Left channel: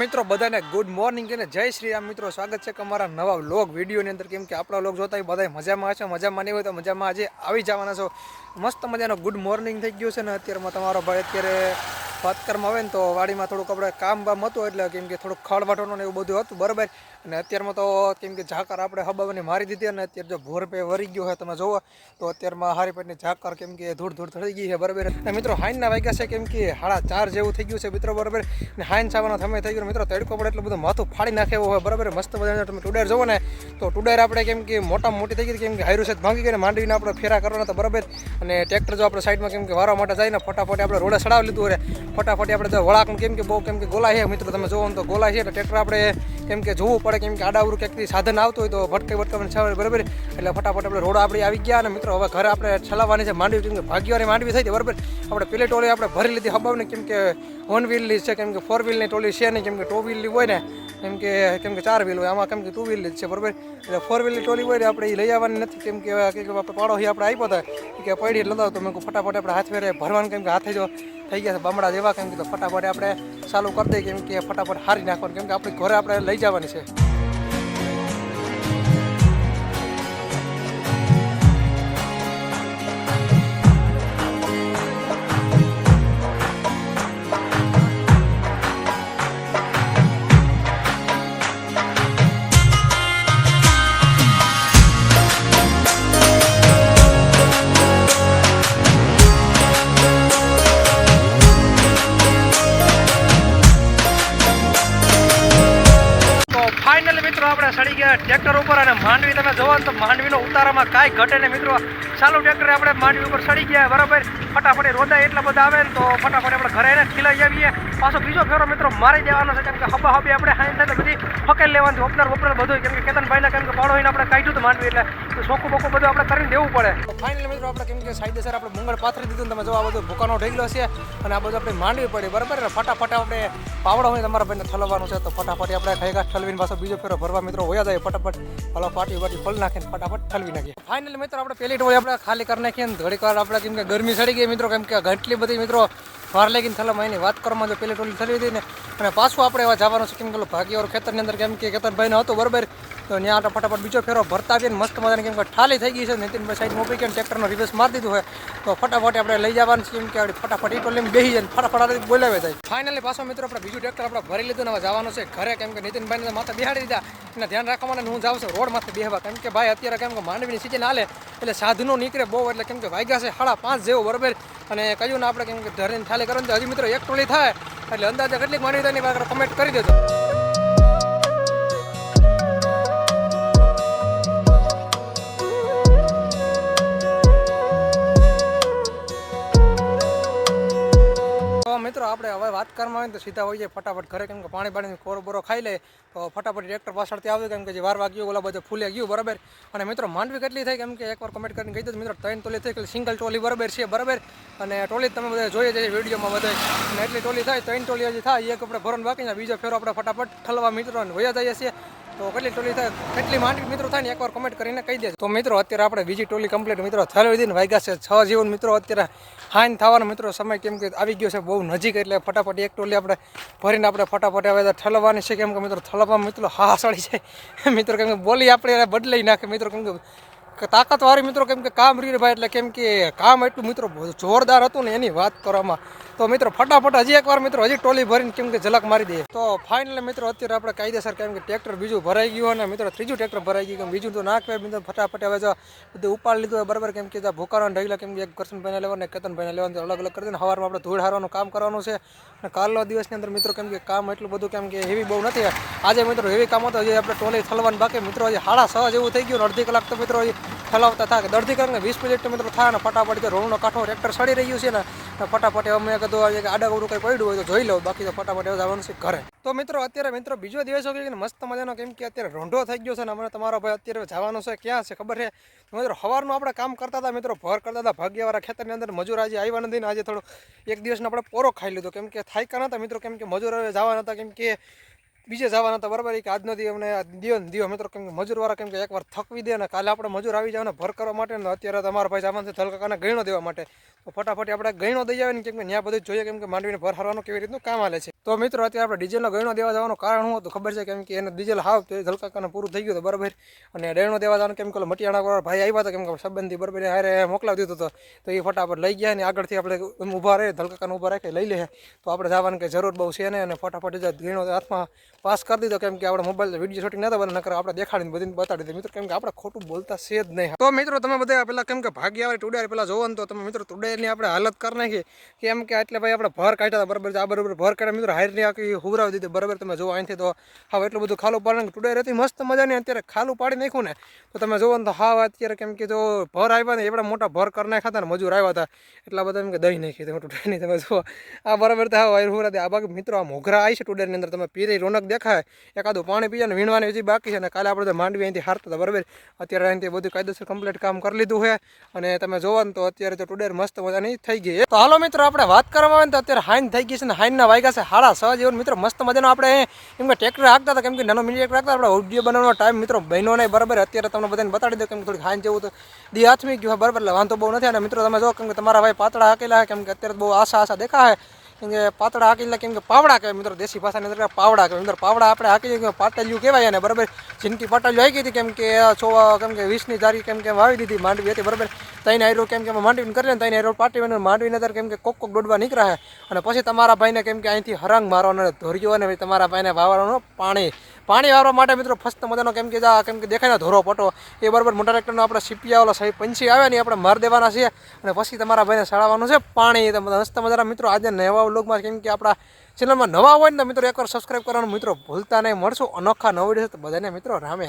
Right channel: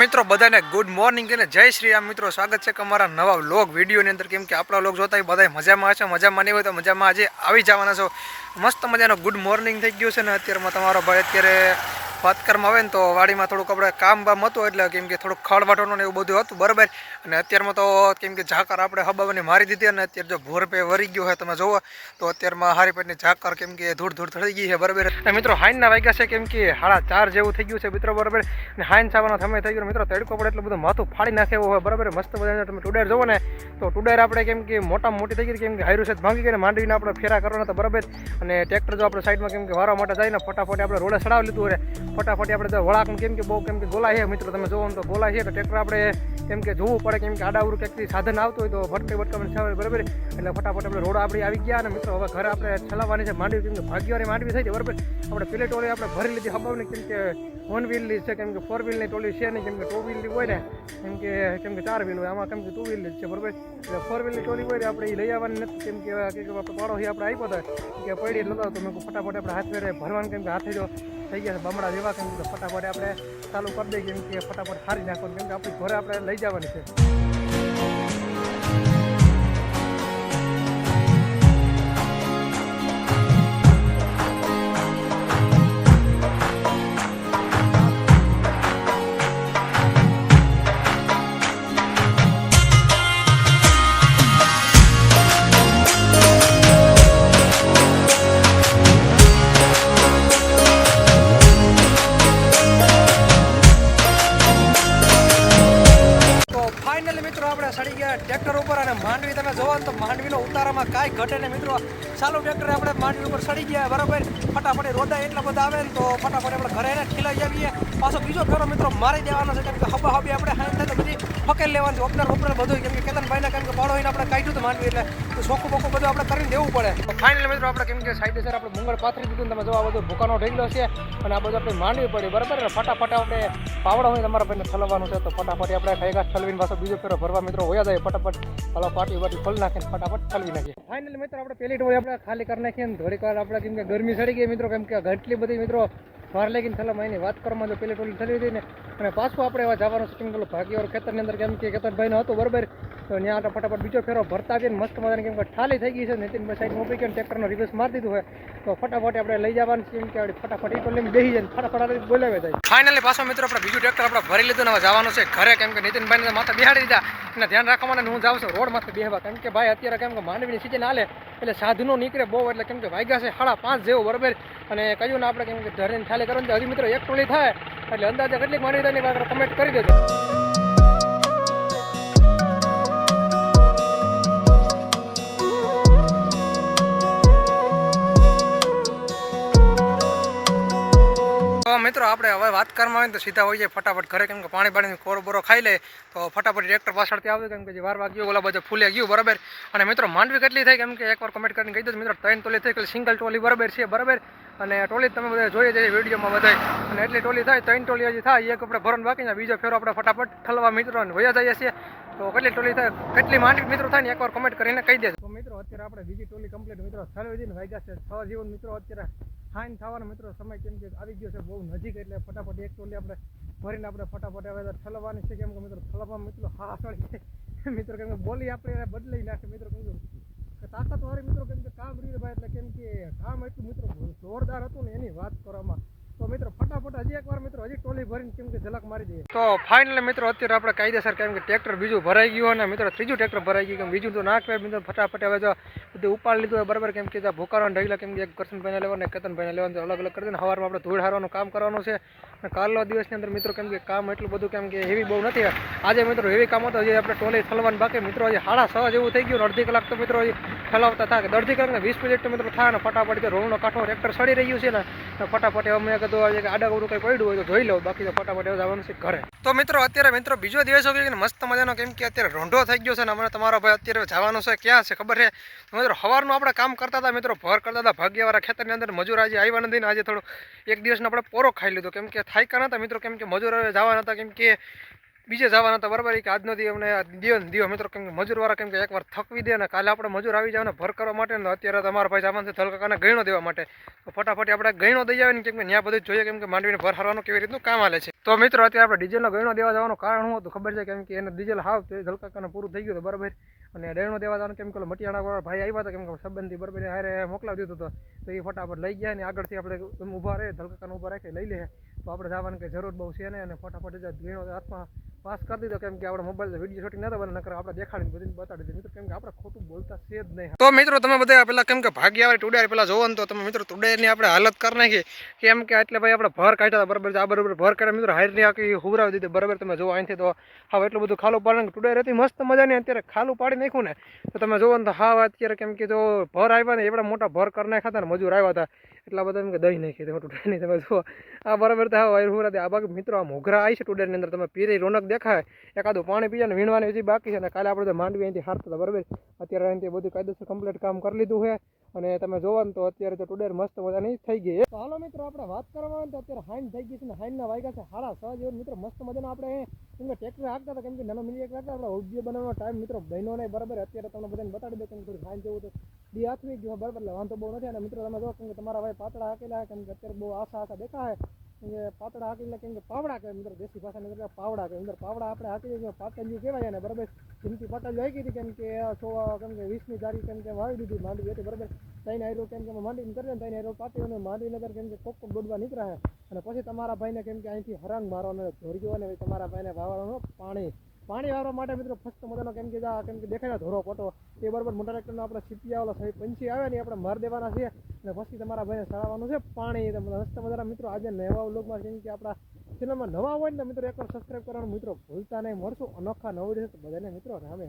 મિત્રો, બધાને good morning અને જય શ્રી રામ. મિત્રો, સ્વાગત છે અમારા નવા વ્લોગ વિડીયોની અંદર. કેમ કે આપણા લોક જોતા બધા મજામાં હશે, મજામાં નહીં હોય તો મજામાં આજે આવી જવાના છો. મસ્ત મજાનો ગુડ મોર્નિંગ થઈ ગયું છે ને, અત્યારમાં તમારો ભાઈ અત્યારે વાત કરવામાં આવે ને તો વાડીમાં થોડુંક આપણે કામ બામ હતું એટલે કેમ કે થોડુંક ખળ વાટવાનું ને એવું બધું હતું, બરાબર? અને અત્યારમાં તો કેમ કે ઝાકર આપણે હબાવાની મારી દીધી અને અત્યારે જો ભોર પે વરી ગયો હોય તમે જોવો, તો અત્યારમાં હારી પેટની ઝાકર કેમ કે ધૂળ ધૂળ થઈ ગઈ છે, બરાબર? અને મિત્રો હાઈનના વાગ્યા છે કેમ કે હાડા ચાર જેવું થઈ ગયું છે મિત્રો, બરાબર? અને હાઈન સાવાનો સમય થઈ ગયો, મિત્રો તડકો પડે એટલું બધું માથું ફાડી નાખે એવું હોય, બરાબર? મસ્ત બધા તમે ટુડેર જોવો ને, તો ટુડેર આપણે કેમ કે મોટામાં મોટી થઈ ગઈ કેમ કે હાઈરું છે ભાંગી ગઈને માંડીને આપણે ફેરા કરવાના તો બરાબર? અને ટ્રેક્ટર જો આપણે સાઈડમાં કેમ કે વારવા માટે જાય ને, ફટાફટ આપણે રોડે ચડાવી લીધું રે ફટાફટ આપણે જો વળાક કેમ કે બહુ કેમ કે ગોલા છે મિત્રો તમે જોવો તો ગોલા છે એટલે ટ્રેક્ટર આપણે કેમ કે જોવું પડે કેમ કે આડાવરું ક્યાંકથી સાધન આવતું હોય તો ભટકે ભટકાને છે બરાબર એટલે ફટાફટ આપણે રોડ આપણે આવી ગયા અને મિત્રો હવે ઘરે આપણે છલાવવાની છે માંડવી કેમ કે ભાગ્યવાળી માંડવી થઈ બરાબર આપણે પેલી ટોળી આપણે ભરી લીધી હબાવને કેમ કે વન વ્હીલની છે કેમ કે ફોર વ્હીલની ટોલી છે નહીં કેમ કે ટુ વ્હીલની હોય ને કેમ કે કેમ કે ચાર વ્હીલ હોય આમાં કેમ કે ટુ વ્હીલ જ છે બરાબર એટલે ફોર વ્હીલની ટોલી હોય ને આપણે એ લઈ આવવાની નથી કેમ કે આપણે પાડો આપણે આપ્યો હતા કે પડી એટલે નતો તો મેં ફટાફટ આપણે હાથ ફેરે ભરવાનું કેમ કે હાથે જો થઈ ગયા છે. બામડા જેવા કેમ કે ફટાફટ આપણે ચાલુ કરી દઈએ કેમ કે ફટાફટ હારી નાખવાનું. કેમ કે આપણી ઘરે આપણે લઈ જવાની છે. ટ્રેક્ટર ઉપર અને માંડવી તમે જોવો તો માંડવીનો ઉતારામાં કાંઈ ઘટે ને મિત્રો. ચાલુ ટ્રેક્ટરે આપણે માંડવી ઉપર સડી ગયા, બરાબર? ફટાફટ રોદા એટલા બધા આવે ને તો ફટાફટ આપણે ઘરે એને ખીલાઈ આવીએ. પાછો બીજો ફેરો મિત્રો મારી દેવાનો છે, કેમ કે હબા હબી આપણે હાઈન થાય તો બધી ફકેલ લેવાની ઓપનર ઓપનર બધું કેમ કે કેતનભાઈના કેમ કે પાડો આપણે કાઢ્યું તો માંડવી એટલે તો સોખું બોખું બધું આપણે કરીને દેવું પડે. તો ફાઇનલ મિત્રો આપણે કેમ કે સાઈડેસર આપણે મુંગળ પાથરી દીધું તમે જો આ બધું ભૂકાનો ઢગલો છે અને આ બધું આપણે માંડવી પડી, બરાબર? ને ફટાફટ આપણે પાવડો હોય તમારા ભાઈને ઠલવાનું છે, તો ફટાફટ આપણે થઈ ગયા ઠલવીને પાછો બીજો ફેરો ભરવા મિત્રો હોયા જાય. ફટાફટ, હલો, પાટી બાટી ફળ નાખીને ફટાફટ ઠલવી નાખીએ ફાઇનલી મિત્રો, આપણે પેલી ટોળી આપણે ખાલી કરી નાખીએ ને થોડીક વાર આપણે કેમ કે ગરમી સડી ગઈ મિત્રો, કેમ કે ઘટલી બધી મિત્રો વાર લાગીને થલામાં એની વાત કરવામાં જો પેલી ટોલી થઈ હતી ને, અને પાછું આપણે એવા જવાનું છે, કેમ કે ભાગ્યવાર ખેતરની અંદર કેમ કે કેતનભાઈને હતું, બરાબર? તો ત્યાં આપણે ફટાફટ બીજો ફેરો ભરતા આવીએ મસ્ત મજાને કેમ કે ઠાલી થઈ ગઈ છે, નીતિનભાઈ સાઈડ મોકલી કે ટ્રેક્ટરનો રિવર્સ મારી દીધું હોય, તો ફટાફટ આપણે લઈ જવાનું છે, કેમ કે ફટાફટ એ ટોલીમાં બેસી જાય ફટાફટ બોલાવે જાય. ફાઇનલી પાછો મિત્રો આપણે બીજું ટ્રેક્ટર આપણે ભરી લીધું ને જવાનું છે ઘરે, કેમ કે નીતિનભાઈને માથે બેહાડી દીધા. અને ધ્યાન રાખવા માટે હું જાઉં છું, રોડ માથે બેહવા. કેમ કે ભાઈ અત્યારે કેમ કે માંડવીની સિઝન હાલે એટલે સાધનો નીકળે બહુ, એટલે કેમ કે વાગ્યા છે સાડા પાંચ જેવો, બરાબર? અને કહ્યું ને આપણે કેમ કે ધરીને ઠાલે કરો ને હજી મિત્રો એક ટોળી થાય. એટલે અંદાજે કેટલીક માંડવી થાય એની કમેન્ટ કરી દેજો. મિત્રો આપણે હવે વાત કરવામાં આવે ને તો સીધા જાય ફટાફટ ઘરે, કેમ કે પાણી પાણીની કોરો બોરો ખાઈ લે. તો ફટાફટ ટ્રેક્ટર પાછળથી આવે કેમ કે જે વાર વાગ્યું, ઓલા બધા ફૂલે ગયું, બરાબર. અને મિત્રો માંડવી કેટલી થાય કેમ કે એકવાર કમેન્ટ કરીને કહી દો મિત્રો ત્રણ ટોલી થઈ કે સિંગલ ટોલી બરાબર છે, બરાબર. અને ટોલી તમે બધા જોઈએ છે વિડીયોમાં બધા. અને એટલી ટોલી થાય, ત્રણ ટોલી હજી થાય, એક આપણે ભરણ બાકી બીજો ફેરો આપણે ફટાફટ ઠલવા મિત્રો વયા જઈએ છીએ. તો કેટલી ટોલી થાય, કેટલી માંડવી મિત્રો થાય ને એકવાર કમેન્ટ કરીને કહી દેજો. તો મિત્રો, અત્યારે આપણે બીજી ટોલી કમ્પ્લીટ મિત્રો થયેલી હતી ને વાગ્યા છે છ જીવન મિત્રો, અત્યારે હાઈન થવાનો મિત્રો સમય કેમ કે આવી ગયો છે બહુ નજીક, એટલે ફટાફટ એક ટોલી આપણે ભરીને આપણે ફટાફટ હવે ઠલવાની છે. કેમ કે મિત્રો ઠલવવા મિત્રો હા સળી છે. મિત્રો, કેમ કે બોલી આપણે બદલાઈ નાખે. મિત્રો, કેમ કે તાકાતવાળી મિત્રો, કેમ કે કામ રીર ભાઈ એટલે કેમ કે કામ એટલું મિત્રો જોરદાર હતું ને એની વાત કરવામાં. તો મિત્રો, ફટાફટ હજી એકવાર મિત્રો, હજી ટોલી ભરીને કેમ કે ઝલક મારી દઈએ. તો ફાઇનલી મિત્રો, અત્યારે આપણે કાયદેસર કેમ કે ટ્રેક્ટર બીજું ભરાઈ ગયું અને મિત્રો, ત્રીજું ટ્રેક્ટર ભરાઈ ગયું. કેમ બીજું તો ના મિત્રો, ફટાફટ હવે જો બધું ઉપાડ લીધું હોય બરાબર, કેમ કે જ્યાં ભૂકારો ઢગલા કેમ કે એક કરશનભાઈને લેવાનું, એક કેતનભાઈને લેવાનું અલગ અલગ કરી દે સવારમાં આપણે ધૂળ હારવાનું કામ કરવાનું છે. અને કાલનો દિવસની અંદર મિત્રો, કેમ કે કામ એટલું બધું, કેમ કે હેવી બહુ નથી. આજે મિત્રો હેવી કામ હતો હજી આપણે ટોલી થલવાનું બાકી. મિત્રો, હજી સાડા છ જેવું થઈ ગયું અડધી કલાક તો મિત્રો, હજી ઠલાવતા થાય કે દર્દી કલાક ને વીસ મિનિટ મિત્રો થાય ને ફટાફટ તો રોણનો કાંઠો ટ્રેક્ટર સડી રહ્યું છે ને ને ફટાફટ અમે કીધું કે આડા કંઈ પડ્યું હોય તો જોઈ લઉં, બાકી તો ફટાફટ એવું જવાનું છે ઘરે. તો મિત્રો અત્યારે મિત્રો બીજો દિવસ હોય કે મસ્ત મજાનો, કેમ કે અત્યારે રોંઢો થઈ ગયો છે ને અમને તમારો ભાઈ અત્યારે જવાનું છે, ક્યાં છે ખબર છે? મિત્રો સવારનું આપણે કામ કરતા હતા, મિત્રો ભર કરતા હતા, ભાગ્યવાળા ખેતરની અંદર મજૂર આજે આવ્યા નથી ને આજે થોડું એક દિવસનો આપણે પોરો ખાઈ લીધો. કેમ કે થાયકા નતા મિત્રો, કેમ કે મજૂર હવે જવાના હતા, કેમ કે બીજે જવાના હતા બરાબર કે આજનો દી અમને દિયો ને દિયો મિત્રો, કેમ કે મજૂરવાળા કેમ કે એકવાર થકવી દે ને કાલે આપણે મજૂર આવી જાવ ને ભર કરવા માટે ને અત્યારે તમારા ભાઈ જવાનું છે ધલકાકાને દેવા માટે. ફટાફટ આપણે ગયણો દઈ આવે ને કેમ કે ત્યાં બધું જોઈએ કેમ કે માંડવીને ભર હારવાનું કેવી રીતનું કામ હાલે છે. તો મિત્રો, અત્યારે આપણે ડીઝલનો ગયણો દેવા જવાનું કારણ શું હતું ખબર છે? કેમ કે એને ડીઝલ હાવ તે ધલકાકાને પૂરું થઈ ગયું હતું બરાબર. અને ગયણો દેવા જવાનું કેમ કે મટિયાણા ભાઈ આવ્યા હતા કેમ કે સંબંધી બરાબર હારે મોકલાવી દીધો હતો. તો એ ફટાફટ લઈ ગયા ને આગળથી આપણે ઊભા રહે ધલકાકાને ઊભા રાખે, લઈ લે. તો આપણે જવાની કંઈ જરૂર બહુ છે ને અને ફટાફટ ગયણો હાથમાં પાસ કરી દીધો કેમ કે આપણે મોબાઈલ વીડિયો શૂટિંગ નતા બને નકર આપણે દેખાડીને બધીને બતાડી દીધું. મિત્રો, કેમ કે આપણે ખોટું બોલતા છે જ નહીં. તો મિત્રો, તમે બધા પેલા કેમ કે ભાગી આવે ટુડે પેલા જોવો ને તો તમે મિત્રો ટુડેરની આપણે હાલત કરી નાખી. કેમ કે એટલે ભાઈ આપણે ભર કાઢ્યા હતા, બરાબર આ બરાબર ભર કાઢ્યા. મિત્રો હારની આખી હુવરાવી દીધી, બરાબર? તમે જોવો અહીંથી તો હાવ એટલું બધું ખાલું પાડે ટુડે રહેતી મસ્ત મજાની અત્યારે ખાલું પાડી નાખ્યું ને. તો તમે જોવો ને તો હાવ અત્યારે કેમ કે જો ભર આવ્યા ને, એવડા મોટા ભર કરી નાખ્યા હતા ને, મજૂર આવ્યા હતા. એટલા બધા એમ કે દહીં નાખી તમે ટુડેરની તમે જુઓ, આ બરાબર તો હાવ હુરા આ બાકી મિત્રો આ મોઘરા આવી છે ટુડેની અંદર. તમે પીરી રોનક દેખાય. એકાદું પાણી પીએ ને વીણવાની હજી બાકી છે અને કાલે આપણે માંડવી અહીંથી હારતા હતા, બરાબર? અત્યારે અહીંથી બધું કાયદેસર કમ્પ્લીટ કામ કરી લીધું છે. અને તમે જોવો ને તો અત્યારે તો ટુડેર મસ્ત મજાની થઈ ગઈ તો હાલો મિત્રો, આપણે વાત કરવામાં આવે તો અત્યારે હાઈન થઈ ગઈ છે ને હાઈનના વાગ્યા છે હાડા સવા જેવું. મિત્રો, મસ્ત મજાનો આપણે એમ કે ટ્રેક્ટર હતા, કેમ કે નાનો મિની ટ્રેક્ટર હાંકતા આપણે વીડિયો બનાવવાનો ટાઈમ મિત્રો બહેનો નહીં. બરાબર, અત્યારે તમને બધાને બતાડી દો કેમ કે થોડીક હાઈન જેવું તો દી હાથમી ગયું બરાબર, એટલે વાંધો બહુ નથી. અને મિત્રો, તમે જો કેમ કે તમારા ભાઈ પાતળા હાકેલા કેમ કે અત્યારે બહુ આશા આશા દેખાય કેમ કે પાતળા હાકેલા કેમ કે પાવડા કહેવાય મિત્રો, દેશી ભાષાની અંદર પાવડા કહેવાય. મિત્રો, પાવડા આપણે હાકી પાટલિયું કહેવાય અને બરાબર? જિંદગી પાટલિયું આવી ગઈ હતી કેમ કે છો કેમ કે વીસની તારીખ કેમ કે વાવી દીધી, માંડવી હતી, બરાબર? તઈને આયરો કેમ કે માંડવીને કરી લે તઈને આયરો પાટી બને માંડવીને અંદર કેમ કે કોક કોક દોડવા નીકળ્યા અને પછી તમારા ભાઈને કેમ કે અહીંથી હરંગ મારવાનો ધોર્યો અને તમારા ભાઈને વાવવાનું પાણી. પાણી વાળવા માટે મિત્રો ફસ્ત મજાનો કેમ કે કેમ કે દેખાય ને ધોરો પટો. એ બરાબર મોટા ટ્રેક્ટરનો આપણે સીપિયા વાળા સાહેબ પંછી આવે ને આપણે માર દેવાના છીએ. અને પછી તમારા ભાઈને સાળવાનું છે પાણી. મસ્ત મજાના મિત્રો, આજે નવા વ્લોગમાં કેમ કે આપણા ચેનલમાં નવા હોય ને મિત્રો એકવાર સબસ્ક્રાઈબ કરવાનું. મિત્રો ભૂલતા નહીં, મળશું અનોખા નવ તો બધાને મિત્રો રામ.